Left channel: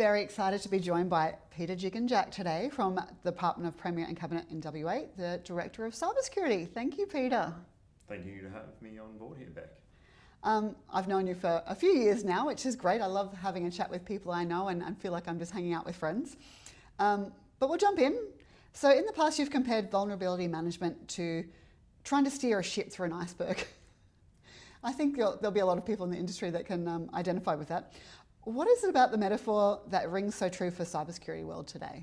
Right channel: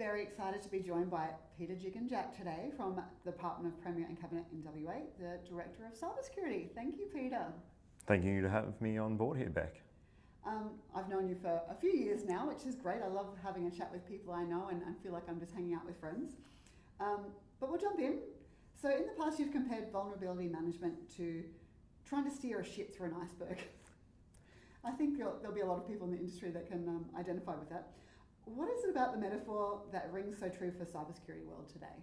very excited to be joined by Peter Gigengack today from the Department of Premier and Cabinet in WA, the Director of Cybersecurity. Thank you, Peter. Thank you to have me on board here, Beck. I've known you for a few years now, which is great. I love having a chat with people I know and feel like I'm just hanging out with friends. But we'll jump in. So in the past, you've compared vulnerability management to trying to steer a ship through an iceberg. I think there'll be a lot of people in the industry that can identify with that. What is it about the metaphor that rings so true for cybersecurity world today?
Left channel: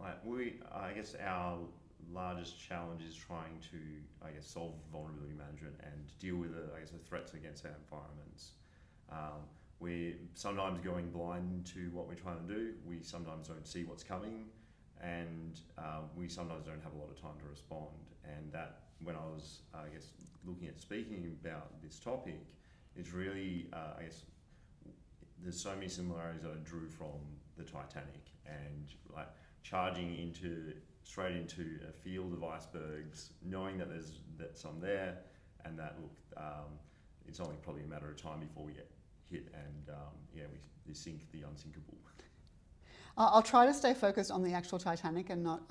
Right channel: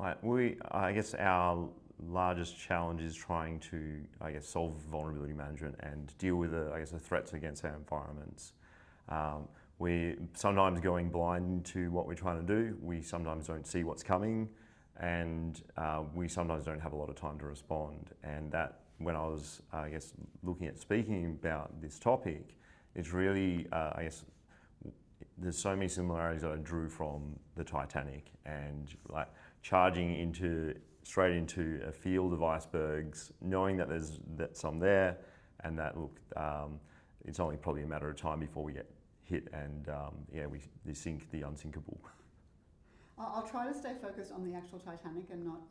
I guess our largest challenge is trying to, solve vulnerability management and deal with the threats against our environments. We're sometimes going blind to what we're trying to do. We sometimes don't see what's coming, and we sometimes don't have a lot of time to respond. And that, when I was, looking at speaking about this topic, it's really, there's so many similarities that I drew from the Titanic, and like charging straight into a field of icebergs, knowing that there's some there, and that it's only probably a matter of time before we get hit, and we sink the unsinkable. I'll try to stay focused on the actual Titanic and not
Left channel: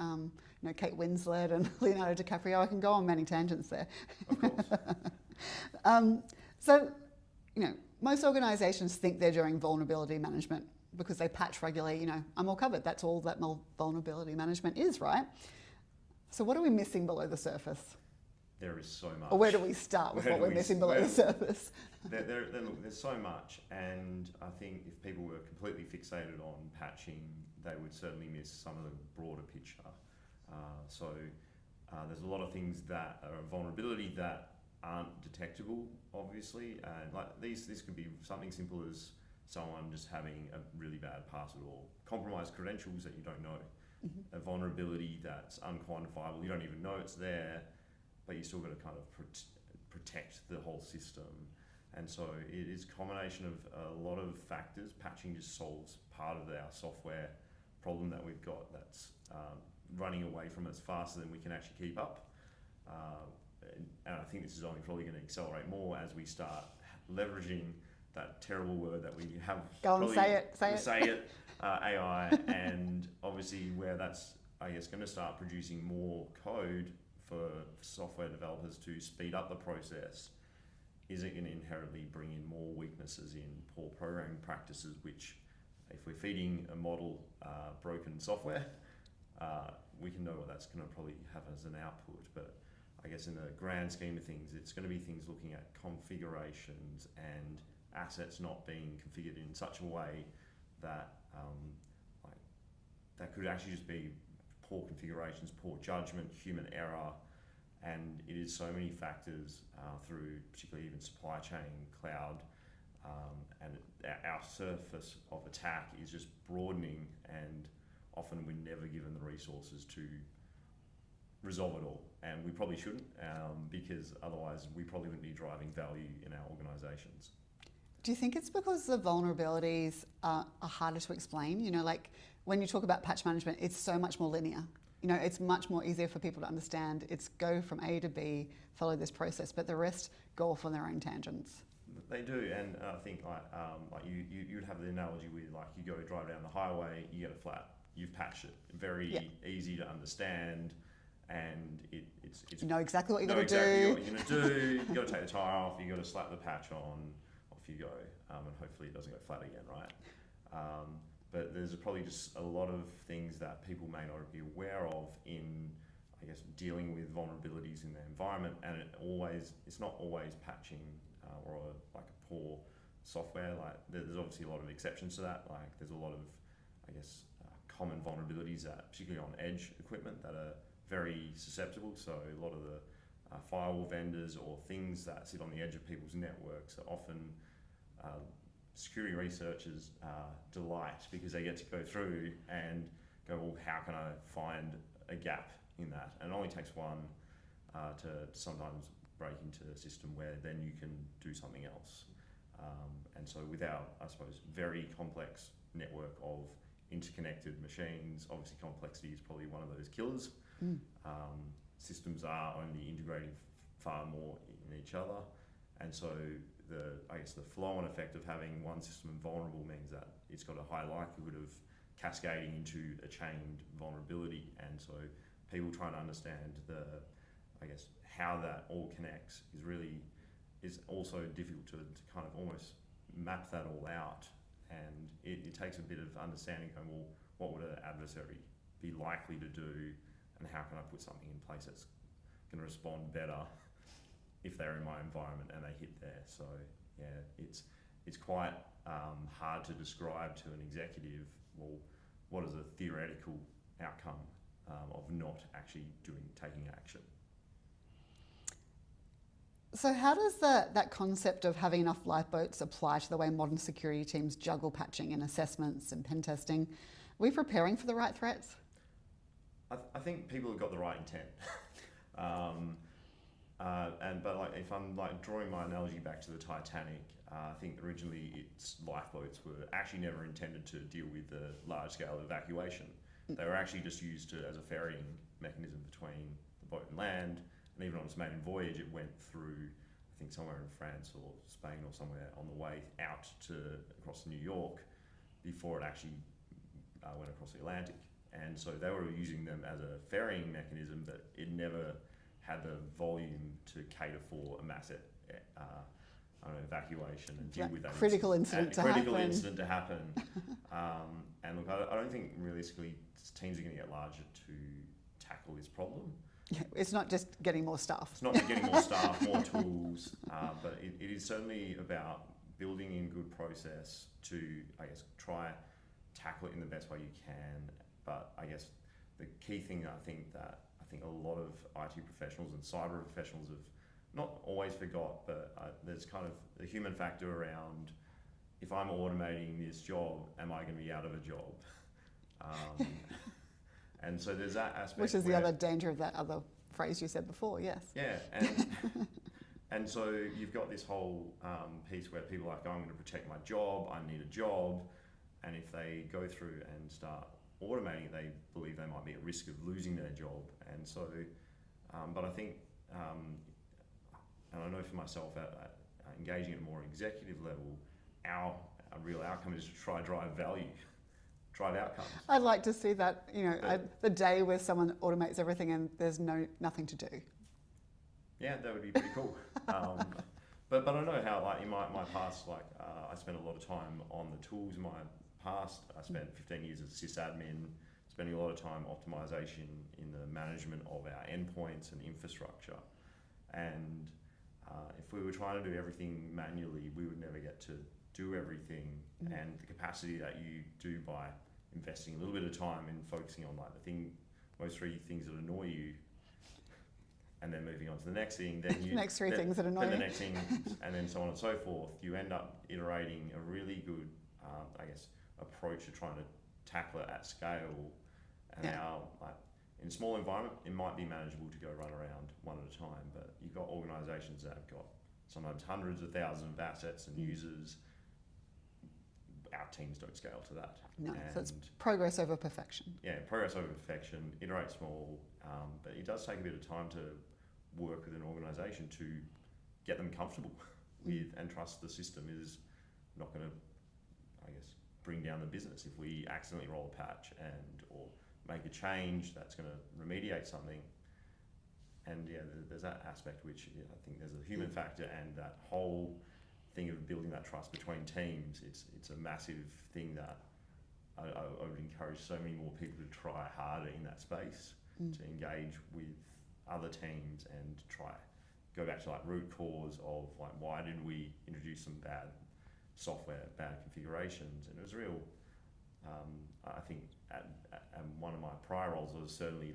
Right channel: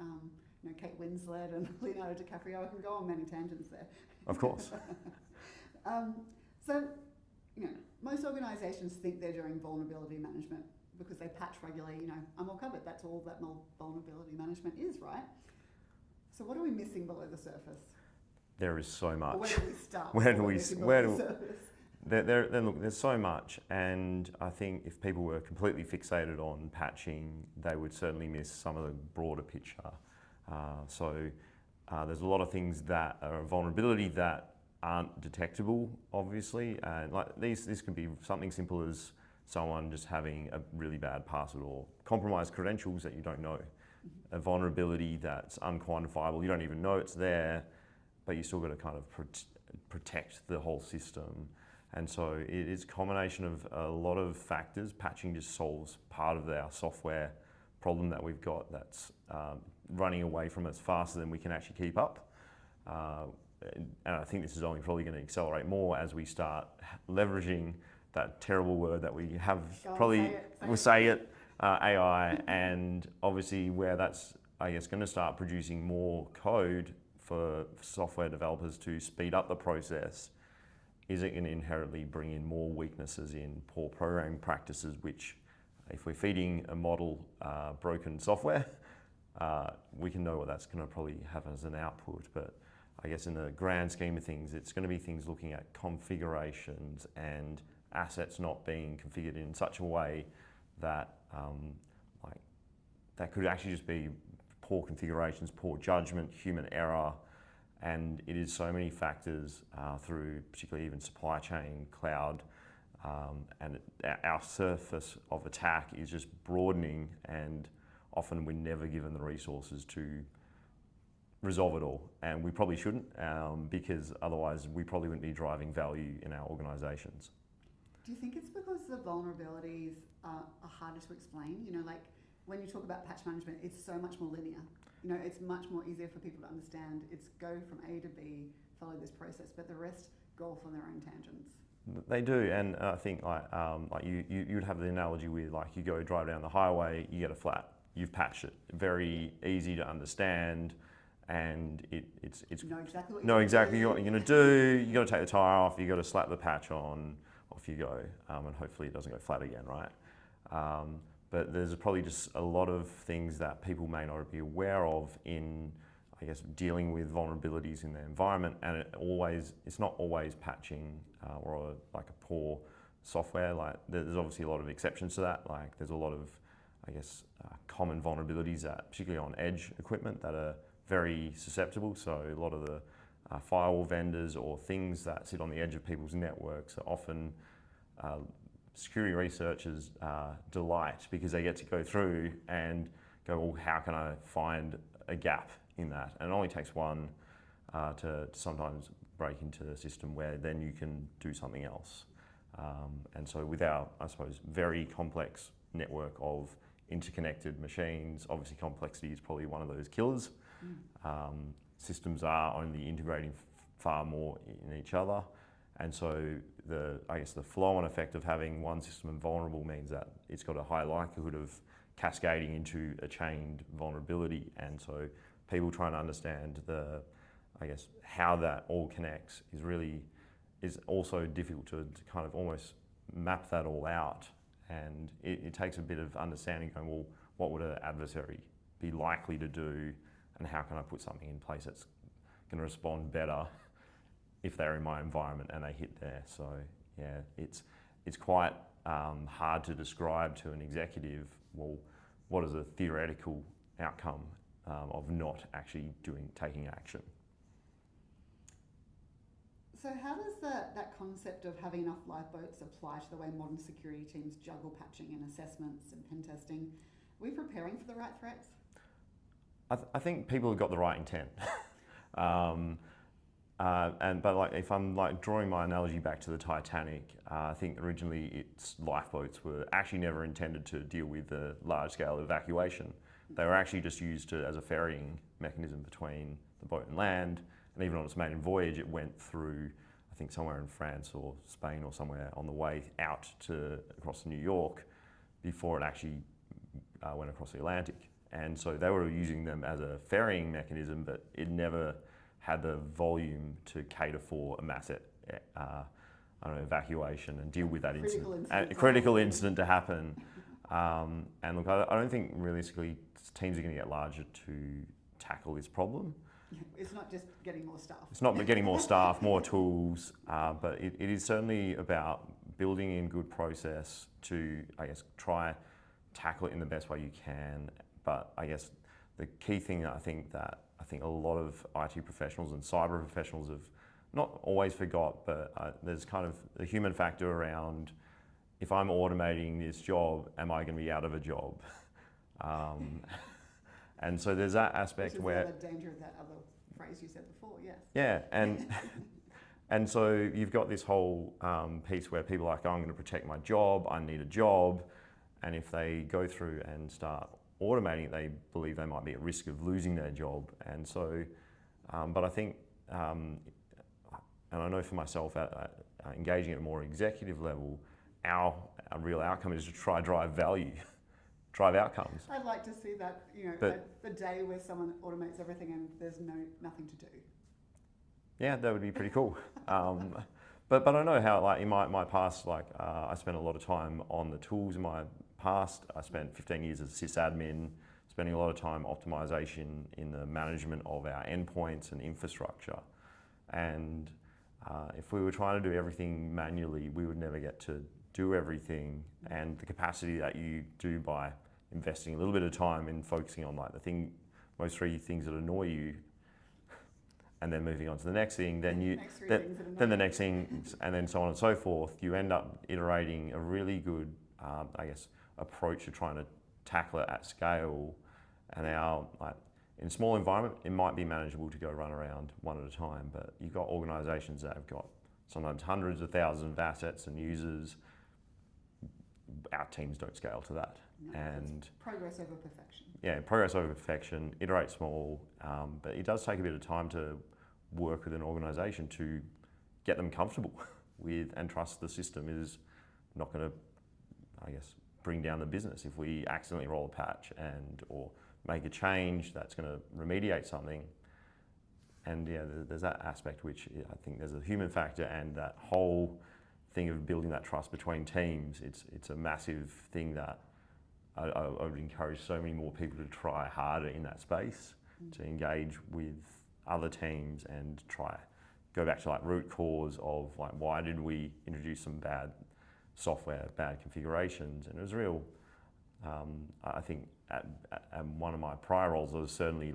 Kate Winslet and Leonardo DiCaprio. I can go on many tangents there. Of course. So, most organisations think they're doing vulnerability management because they patch regularly. I'm all covered. That's all that vulnerability management is, right? So what are we missing below the surface? There is so much. Or where do we start with what we're missing below the surface? There's so much, and I think if people were completely fixated on patching, they would certainly miss some of the broader picture. There's a lot of things that are a vulnerability that aren't detectable, obviously, and this can be something simple as someone just having a really bad password or compromised credentials that you don't know. Mm-hmm. A vulnerability that's unquantifiable, you don't even know it's there, but you still got to kind of protect the whole system. And so it is a combination of a lot of factors. Patching just solves part of our software problem that we've got that's running away from us faster than we can actually keep up. And I think this is only probably going to accelerate more as we start leveraging that terrible word that we have. Say it. AI, and obviously where that's, going to start producing more code for software developers to speed up the process. Is it going to inherently bring in more weaknesses in poor programming practices, which, if we're feeding a model broken software, we can know what that's going to probably have as an output. But I guess in the grand scheme of things, it's going to be things looking at configurations and assets not being configured in such a way that that could actually just be poor configurations, poor judgment, human error, and it is so many factors through particularly even supply chain, cloud, and our surface of attack is just broadening, and often we're never given the resources to resolve it all, and we probably shouldn't, because otherwise we probably wouldn't be driving value in our organisations. Do you think it's because the vulnerabilities are harder to explain? When you talk about patch management, it's so much more linear. It's much more easier for people to understand. It's go from A to B, follow this process, but the rest go off on their own tangents. They do, and I think you would have the analogy with you go drive down the highway, you get a flat, you've patched it, very easy to understand. And it's you know exactly what you're know going exactly to do. what you're going to do. You got to take the tire off. You got to slap the patch on. Off you go, and hopefully it doesn't go flat again, right? But there's probably just a lot of things that people may not be aware of in, dealing with vulnerabilities in their environment, and it's not always patching or a poor software. There's obviously a lot of exceptions to that. There's a lot of, common vulnerabilities that, particularly on edge equipment, that are very susceptible. So a lot of the firewall vendors or things that sit on the edge of people's networks are often security researchers delight, because they get to go through and go, well, how can I find a gap in that? And it only takes one to sometimes break into the system where then you can do something else. And so with our, very complex network of interconnected machines, obviously complexity is probably one of those killers. Systems are only integrating far more in each other, And so the flow-on effect of having one system vulnerable means that it's got a high likelihood of cascading into a chained vulnerability. And so people trying to understand how that all connects is also difficult to kind of almost map that all out. And it takes a bit of understanding going, well, what would an adversary be likely to do, and how can I put something in place that's going to respond better if they're in my environment and they hit there. So yeah, it's quite hard to describe to an executive, well, what is a theoretical outcome of not actually taking action. So how does that concept of having enough lifeboats apply to the way modern security teams juggle patching and assessments and pen testing? Are we preparing for the right threats? I think people have got the right intent. But if I'm drawing my analogy back to the Titanic, I think originally its lifeboats were actually never intended to deal with the large-scale evacuation. They were actually just used as a ferrying mechanism between the boat and land. And even on its maiden voyage, it went through, I think, somewhere in France or Spain or somewhere on the way out across New York before it actually went across the Atlantic. And so they were using them as a ferrying mechanism, but it never had the volume to cater for a mass evacuation and deal with that critical incident to happen. And look, I don't think realistically teams are going to get larger to tackle this problem. Yeah, it's not just getting more staff. It's not getting more staff, more tools, but it is certainly about building in good process to, try tackle it in the best way you can. But I guess the key thing I think a lot of IT professionals and cyber professionals have not always forgot, but there's kind of the human factor around, if I'm automating this job, am I going to be out of a job? And so there's that aspect. Which is the other danger of that other phrase you said before, yes. Yeah, and so you've got this whole piece where people are like, oh, I'm going to protect my job, I need a job. And if they go through and start automating, they believe they might be at risk of losing their job. And so, but I think, and I know for myself, engaging at a more executive level, our real outcome is to try drive value. Drive outcomes. I'd like to see that, the day where someone automates everything and there's nothing to do. Yeah, that would be pretty cool. But I know how, in my past, I spent a lot of time on the tools in my past. I spent 15 years as sysadmin, spending a lot of time optimization in the management of our endpoints and infrastructure. And if we were trying to do everything manually, we would never get to do everything. And the capacity that you do by investing a little bit of time in focusing on most three things that annoy you, and then moving on to the next thing, then next three things that annoy then the next thing, and then so on and so forth. You end up iterating a really good, approach to trying to tackle it at scale. And in a small environment, it might be manageable to go run around one at a time, but you've got organisations that have got sometimes hundreds of thousands of assets and users. Our teams don't scale to that. No, so it's progress over perfection. Yeah, progress over perfection, iterate small, but it does take a bit of time to work with an organisation to get them comfortable with and trust the system is not going to, bring down the business if we accidentally roll a patch or make a change that's going to remediate something. And yeah, there's that aspect which I think there's a human factor, and that whole thing of building that trust between teams. It's a massive thing that I would encourage so many more people to try harder in that space, to engage with other teams and try go back to root cause of why did we introduce some bad software, bad configurations. And it was real, I think at one of my prior roles, I was certainly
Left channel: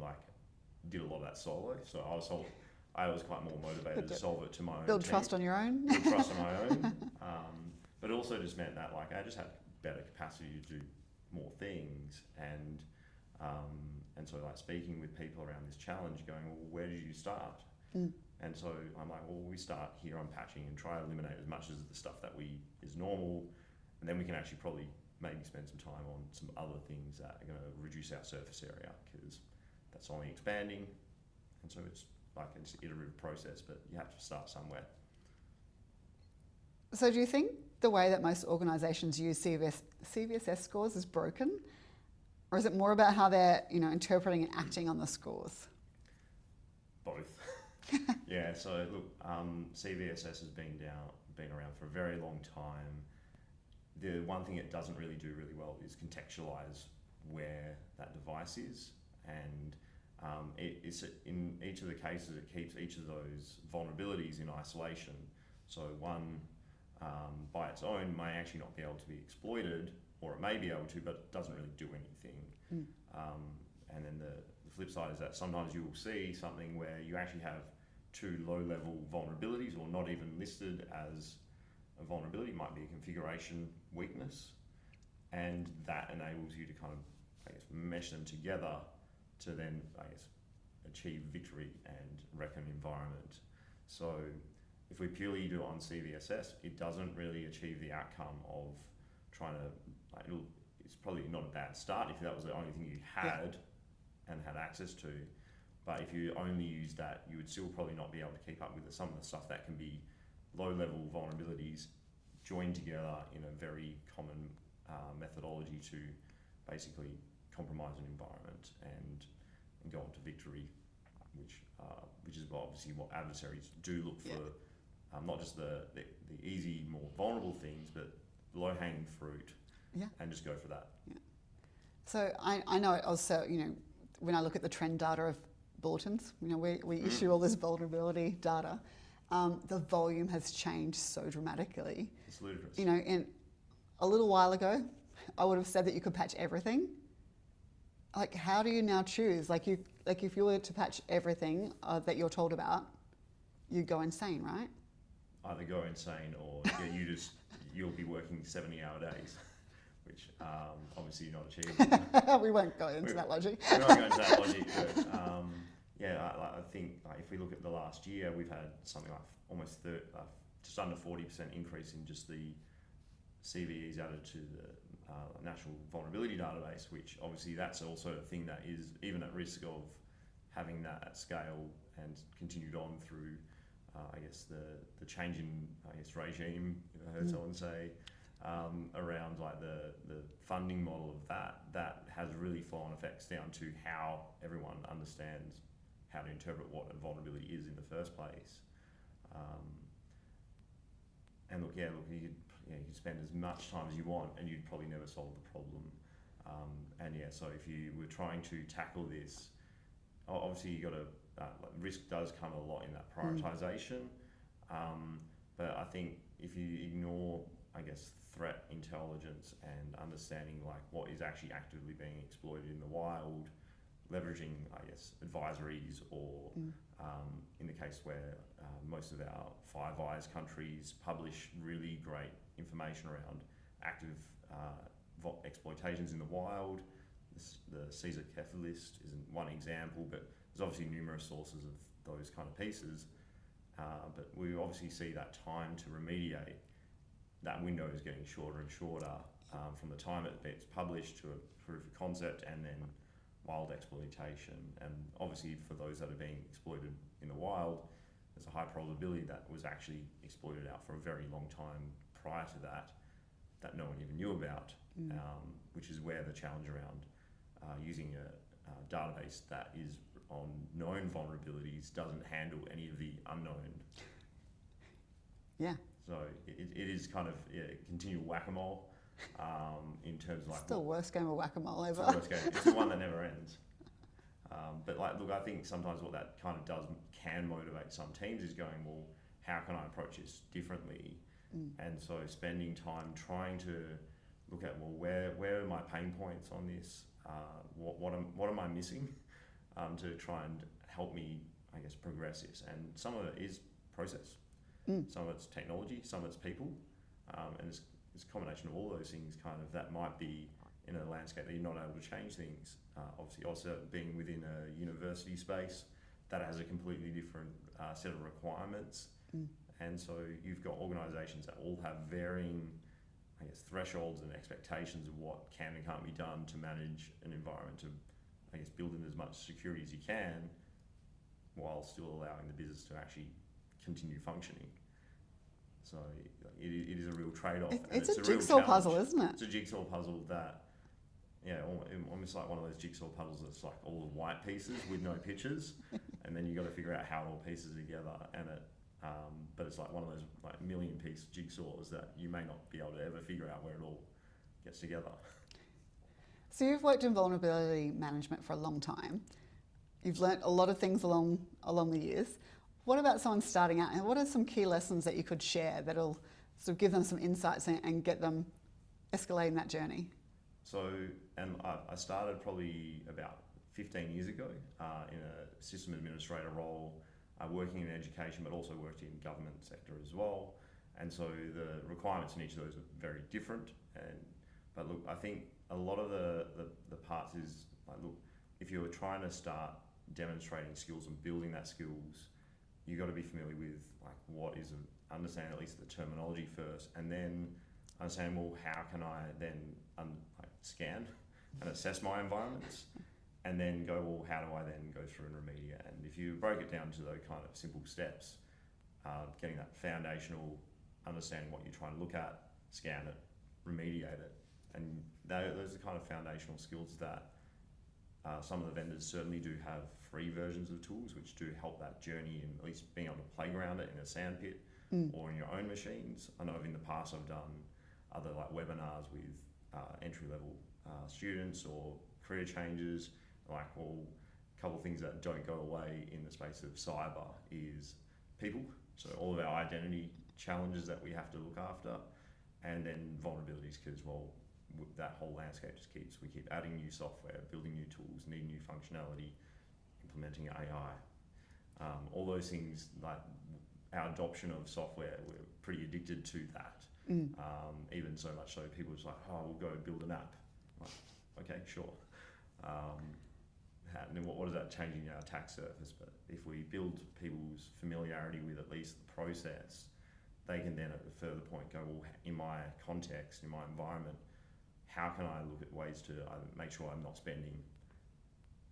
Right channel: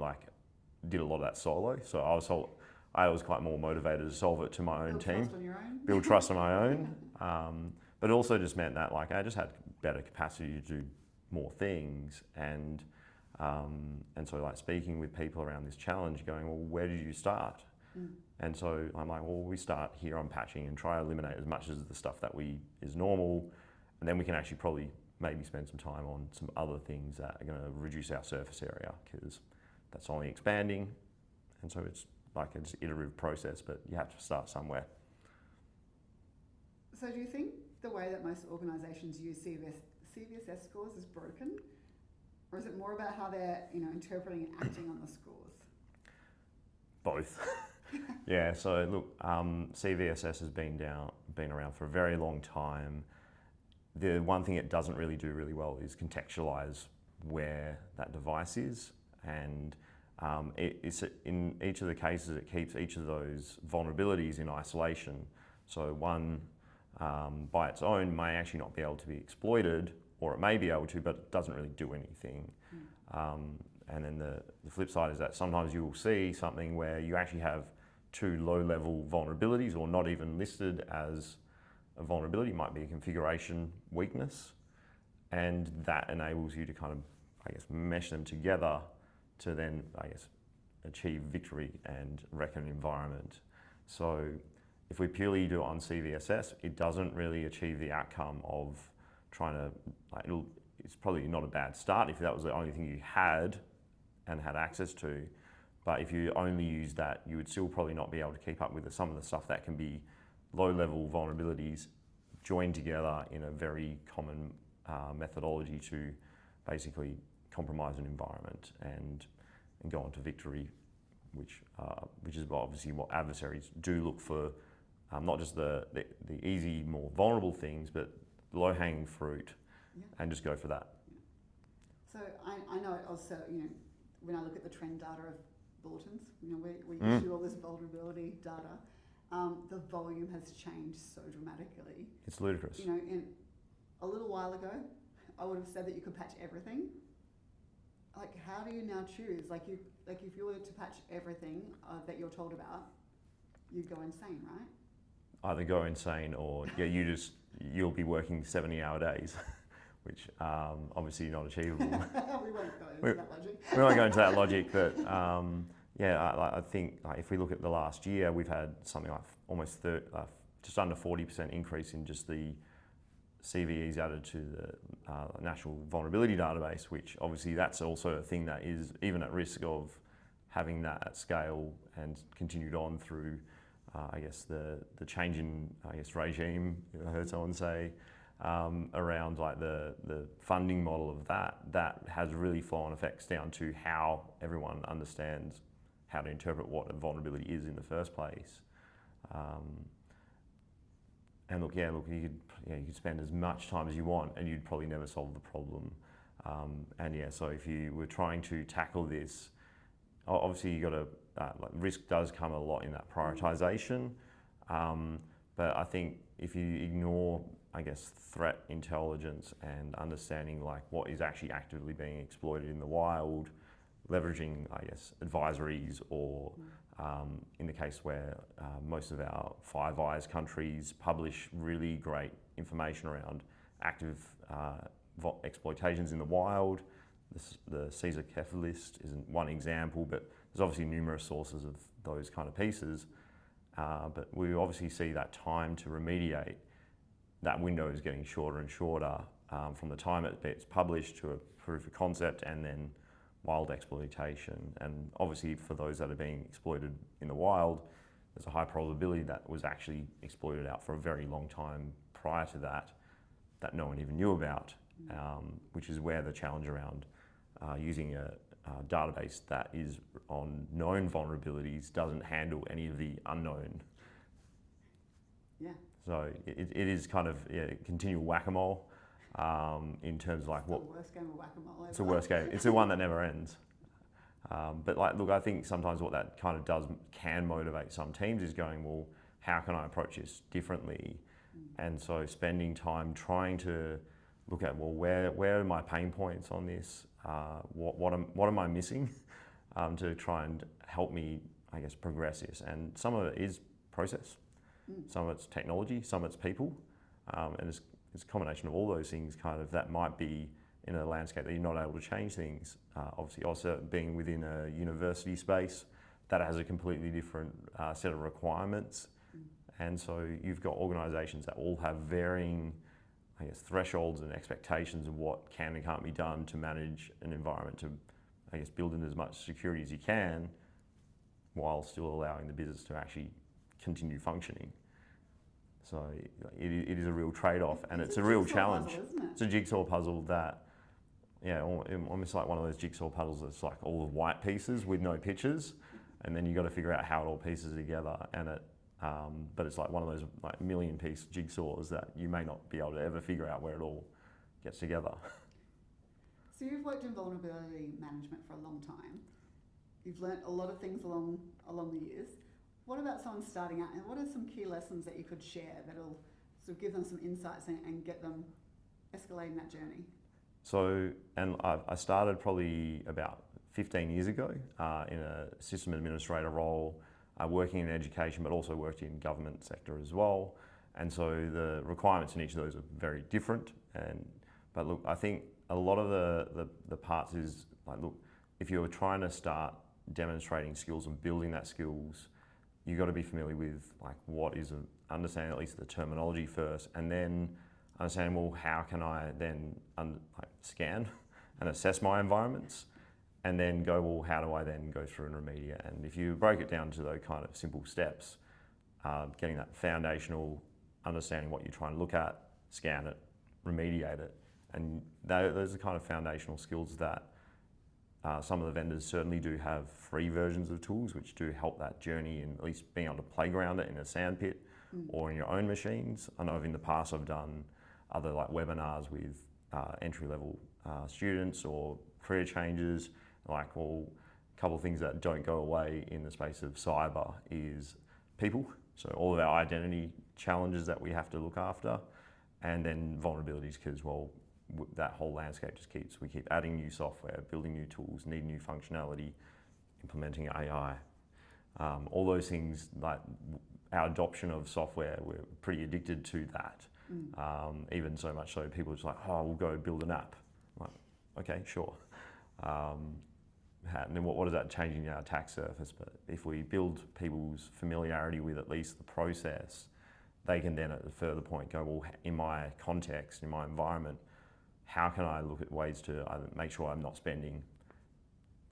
did a lot of that solo. So I was quite more motivated to solve it to my own team. Build trust on your own. Build trust on my own. But it also just meant that I just had better capacity to do more things. And so speaking with people around this challenge, going, well, where did you start? And so I'm like, well, we start here on patching and try to eliminate as much as the stuff that is normal. And then we can actually probably maybe spend some time on some other things that are going to reduce our surface area, because that's only expanding. And so it's an iterative process, but you have to start somewhere. So do you think the way that most organisations use CVSS scores is broken? Or is it more about how they're, interpreting and acting on the scores? Both. Yeah, so look, CVSS has been around for a very long time. The one thing it doesn't really do really well is contextualize where that device is, and it's in each of the cases it keeps each of those vulnerabilities in isolation. So one by its own may actually not be able to be exploited, or it may be able to, but it doesn't really do anything. And then the flip side is that sometimes you will see something where you actually have two low-level vulnerabilities, or not even listed as a vulnerability, it might be a configuration weakness, and that enables you to kind of, mesh them together to then, achieve victory and wreck an environment. So if we purely do it on CVSS, it doesn't really achieve the outcome of trying to, it's probably not a bad start if that was the only thing you had and had access to. But if you only use that, you would still probably not be able to keep up with some of the stuff that can be low-level vulnerabilities joined together in a very common methodology to basically compromise an environment and go on to victory, which is obviously what adversaries do look for, not just the easy, more vulnerable things, but low-hanging fruit, and just go for that. Yeah. So I know also, when I look at the trend data of bulletins, we issue all this vulnerability data, the volume has changed so dramatically. It's ludicrous. In a little while ago, I would have said that you could patch everything. Like, how do you now choose? If you were to patch everything that you're told about, you'd go insane, right? Either go insane, or you'll be working 70-hour days, which obviously not achievable. We won't go into that logic. We won't go into that logic, but I think if we look at the last year, we've had something like almost just under 40% increase in just the CVEs added to the National Vulnerability Database, which obviously that's also a thing that is even at risk of having that at scale and continued on through, the change in, regime, I heard someone say, around the funding model of that has really flow-on effects down to how everyone understands how to interpret what a vulnerability is in the first place. And you could spend as much time as you want, and you'd probably never solve the problem. So if you were trying to tackle this, obviously you got to risk does come a lot in that prioritization. But I think if you ignore, threat intelligence and understanding what is actually actively being exploited in the wild, leveraging, advisories, or in the case where most of our Five Eyes countries publish really great information around active exploitations in the wild. The Caesar Keffer list isn't one example, but there's obviously numerous sources of those kind of pieces. But we obviously see that time to remediate, that window is getting shorter and shorter from the time it gets published to a proof of concept and then wild exploitation. And obviously for those that are being exploited in the wild, there's a high probability that was actually exploited out for a very long time prior to that no one even knew about, which is where the challenge around using a database that is on known vulnerabilities doesn't handle any of the unknown. Yeah. So it is kind of continual whack-a-mole in terms of It's the worst game of whack-a-mole ever. It's the worst game. It's the one that never ends. But I think sometimes what that kind of can motivate some teams is going, well, how can I approach this differently? And so spending time trying to look at, well, where are my pain points on this? What am I missing to try and help me, progress this? And some of it is process, some of it's technology, some of it's people, and it's a combination of all those things that might be in a landscape that you're not able to change things. Obviously, also being within a university space, that has a completely different set of requirements. And so you've got organisations that all have varying, thresholds and expectations of what can and can't be done to manage an environment, to, build in as much security as you can, while still allowing the business to actually continue functioning. So it is a real trade-off, and It's it's a a real jigsaw challenge. puzzle, isn't it? It's a jigsaw puzzle that, yeah, almost like one of those jigsaw puzzles that's like all the white pieces with no pictures, and then you got to figure out how it all pieces together. And but it's like one of those like million-piece jigsaws that you may not be able to ever figure out where it all gets together. So you've worked in vulnerability management for a long time. You've learnt a lot of things along the years. What about someone starting out, and what are some key lessons that you could share that'll sort of give them some insights and get them escalating that journey? So, and I started probably about 15 years ago in a system administrator role, working in education, but also worked in government sector as well. And so the requirements in each of those are very different. But look, I think a lot of the parts is like, look, if you're trying to start demonstrating skills and building that skills, you've got to be familiar with like what is understanding at least the terminology first, and then understanding, well, how can I then scan and assess my environments, and then go, well, how do I then go through and remediate? And if you break it down to those kind of simple steps, getting that foundational understanding what you're trying to look at, scan it, remediate it, and those are kind of foundational skills that some of the vendors certainly do have free versions of tools which do help that journey in at least being able to playground it in a sandpit or in your own machines. I know in the past I've done other like webinars with entry-level students or career changes. Like, well, a couple of things that don't go away in the space of cyber is people. So all of our identity challenges that we have to look after, and then vulnerabilities, because, well, that whole landscape just we keep adding new software, building new tools, need new functionality, implementing AI. All those things, like our adoption of software, we're pretty addicted to that. Even so much so people are just like, oh, we'll go build an app. I'm like, okay, sure. And then what is that changing our attack surface? But if we build people's familiarity with at least the process, they can then at a further point go, well, in my context, in my environment, how can I look at ways to either make sure I'm not spending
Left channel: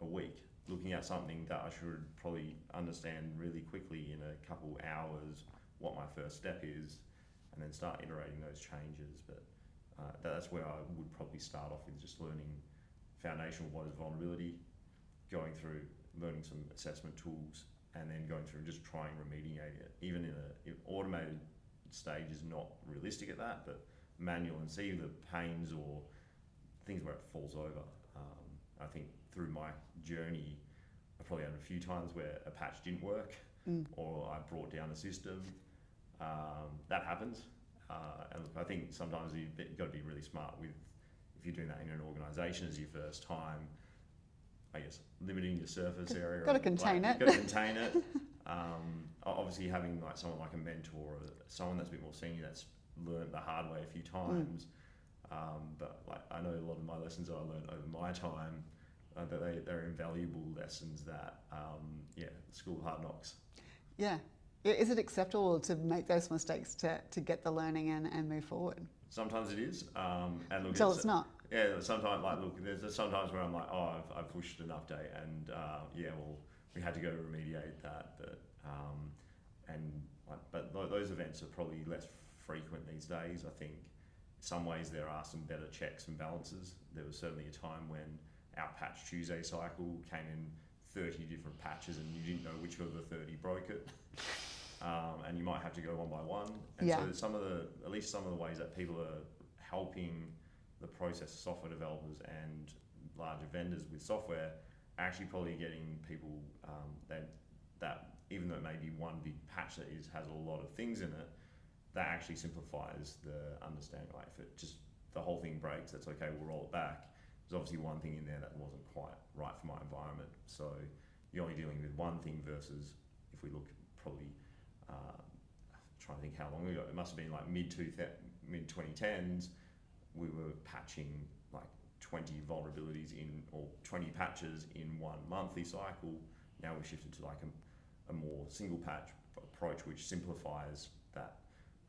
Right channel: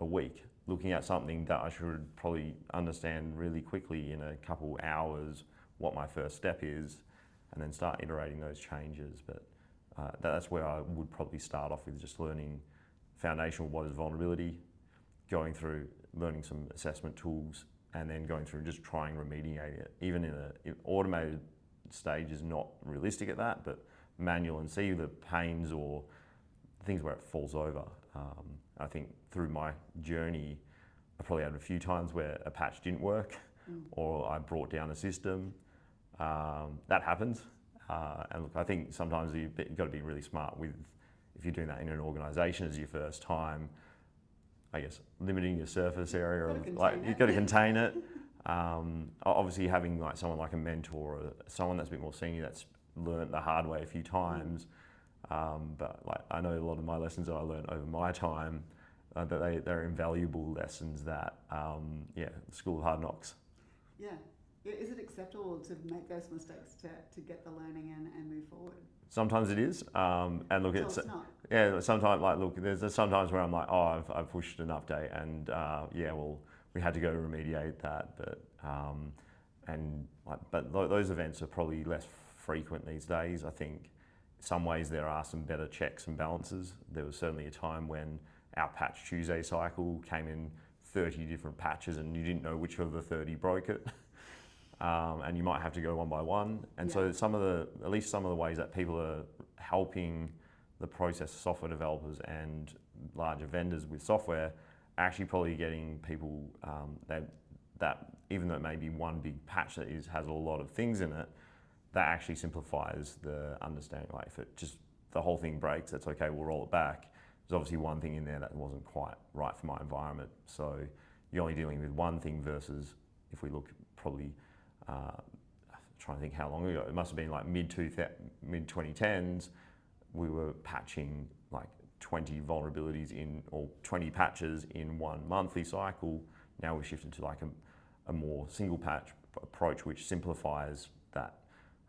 a week looking at something that I should probably understand really quickly in a couple hours what my first step is, and then start iterating those changes. But that's where I would probably start off with, just learning foundational, what is vulnerability, going through learning some assessment tools, and then going through and just trying remediate it. Even in an automated stage is not realistic at that, but manual, and see the pains or things where it falls over. I think through my journey, I probably had a few times where a patch didn't work or I brought down a system. That happens. And look, I think sometimes you've got to be really smart with, if you're doing that in an organisation as your first time, I guess limiting your surface area. You've got to contain it. You've got to contain it. Obviously having like someone like a mentor or someone that's a bit more senior that's learned the hard way a few times. But like, I know a lot of my lessons that I learned over my time, that they're invaluable lessons that, school of hard knocks. Yeah. Is it acceptable to make those mistakes to get the learning and move forward? Sometimes it is, and look, Until it's not. Yeah, sometimes like look, there's sometimes where I'm like, oh, I've pushed an update, and we had to go remediate that, but those events are probably less frequent these days. I think in some ways there are some better checks and balances. There was certainly a time when our Patch Tuesday cycle came in 30 different patches, and you didn't know which of the 30 broke it. And you might have to go one by one. And so at least some of the ways that people are helping the process, software developers and larger vendors with software, are actually probably getting people that even though it may be one big patch that has a lot of things in it, that actually simplifies the understanding. Like if it just, the whole thing breaks, that's okay, we'll roll it back. There's obviously one thing in there that wasn't quite right for my environment. So you're only dealing with one thing versus, if we look probably, trying to think how long ago, it must have been like mid-2010s, we were patching like 20 vulnerabilities or 20 patches in one monthly cycle. Now we've shifted to like a more single patch approach, which simplifies that,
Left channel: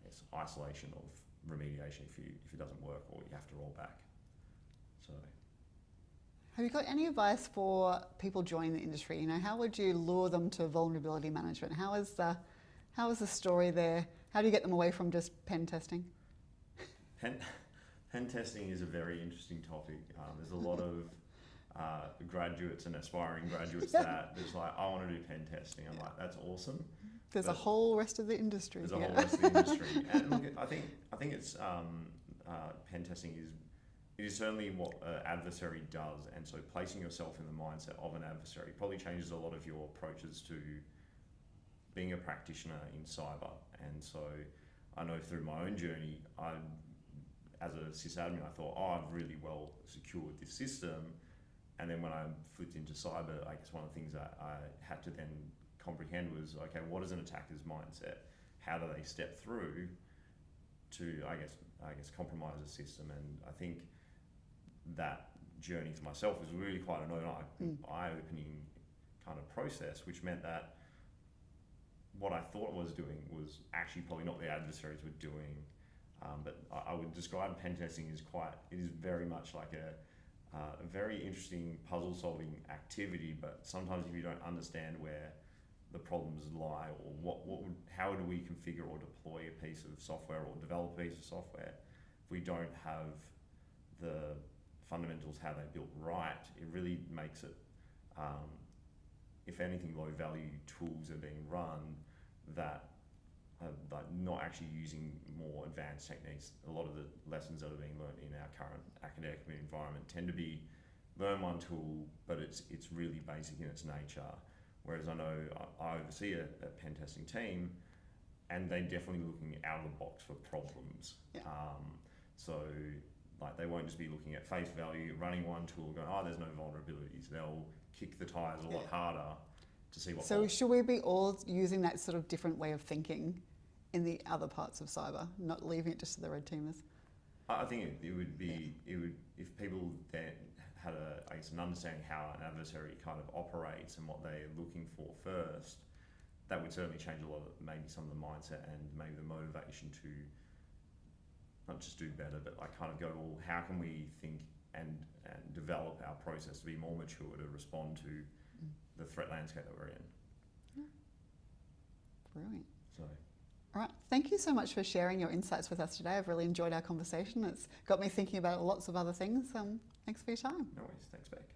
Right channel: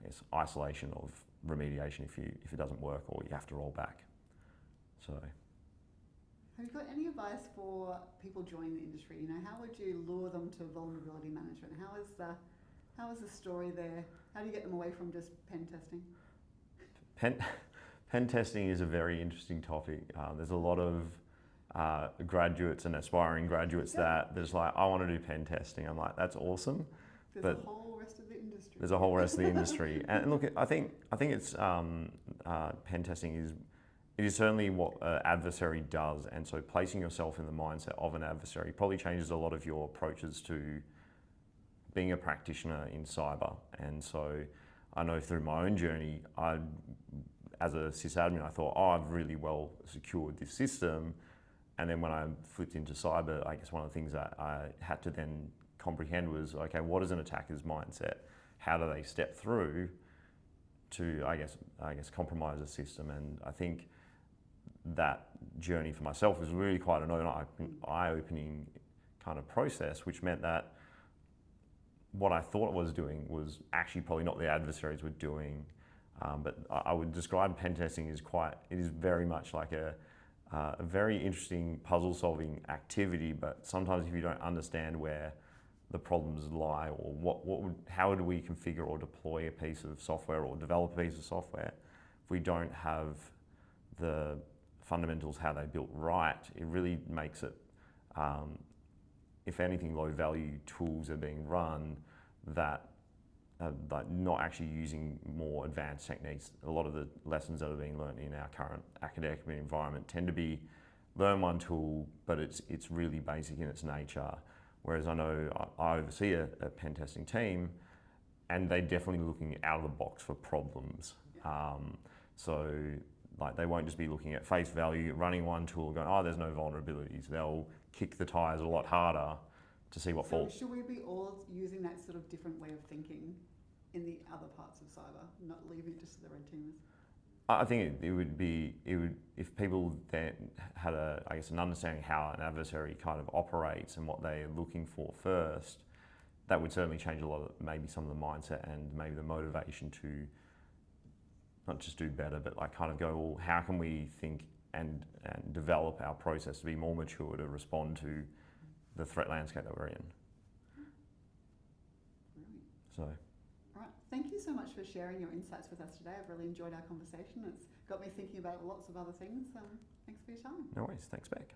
I guess, isolation of remediation if it doesn't work or you have to roll back. So. Have you got any advice for people joining the industry? How would you lure them to vulnerability management? How is How is the story there? How do you get them away from just pen testing? Pen testing is a very interesting topic. There's a lot of graduates and aspiring graduates that there's like, I want to do pen testing. I'm like, that's awesome. There's a whole rest of the industry. There's a whole rest of the industry. And look, I think it's pen testing is certainly what an adversary does. And so placing yourself in the mindset of an adversary probably changes a lot of your approaches to being a practitioner in cyber. And so I know through my own journey, as a sysadmin, I thought, I've really well secured this system. And then when I flipped into cyber, I guess one of the things that I had to then comprehend was, okay, what is an attacker's mindset? How do they step through to, I guess, compromise a system? And I think that journey for myself was really quite an eye-opening kind of process, which meant that what I thought I was doing was actually probably not the adversaries were doing. But I would describe pen testing as it is very much like a very interesting puzzle-solving activity, but sometimes if you don't understand where the problems lie, or how do we configure or deploy a piece of software or develop a piece of software, if we don't have the fundamentals, how they built right, it really makes it, if anything, low-value tools are being run that like not actually using more advanced techniques. A lot of the lessons that are being learned in our current academic environment tend to be learn one tool, but it's really basic in its nature. Whereas I know I oversee a pen testing team, and they're definitely looking out of the box for problems. Yeah. So like they won't just be looking at face value, running one tool, going, oh, there's no vulnerabilities. They'll kick the tires a lot harder to see what. So should we be all using that sort of different way of thinking in the other parts of cyber, not leaving it just to the red teamers? I think it would if people then had an understanding how an adversary kind of operates and what they're looking for first, that would certainly change a lot of maybe some of the mindset and maybe the motivation to not just do better, but like kind of go, well, how can we think and develop our process to be more mature to respond to the threat landscape that we're in. Brilliant. So. All right, thank you so much for sharing your insights with us today. I've really enjoyed our conversation. It's got me thinking about lots of other things. Thanks for your time. No worries, thanks back.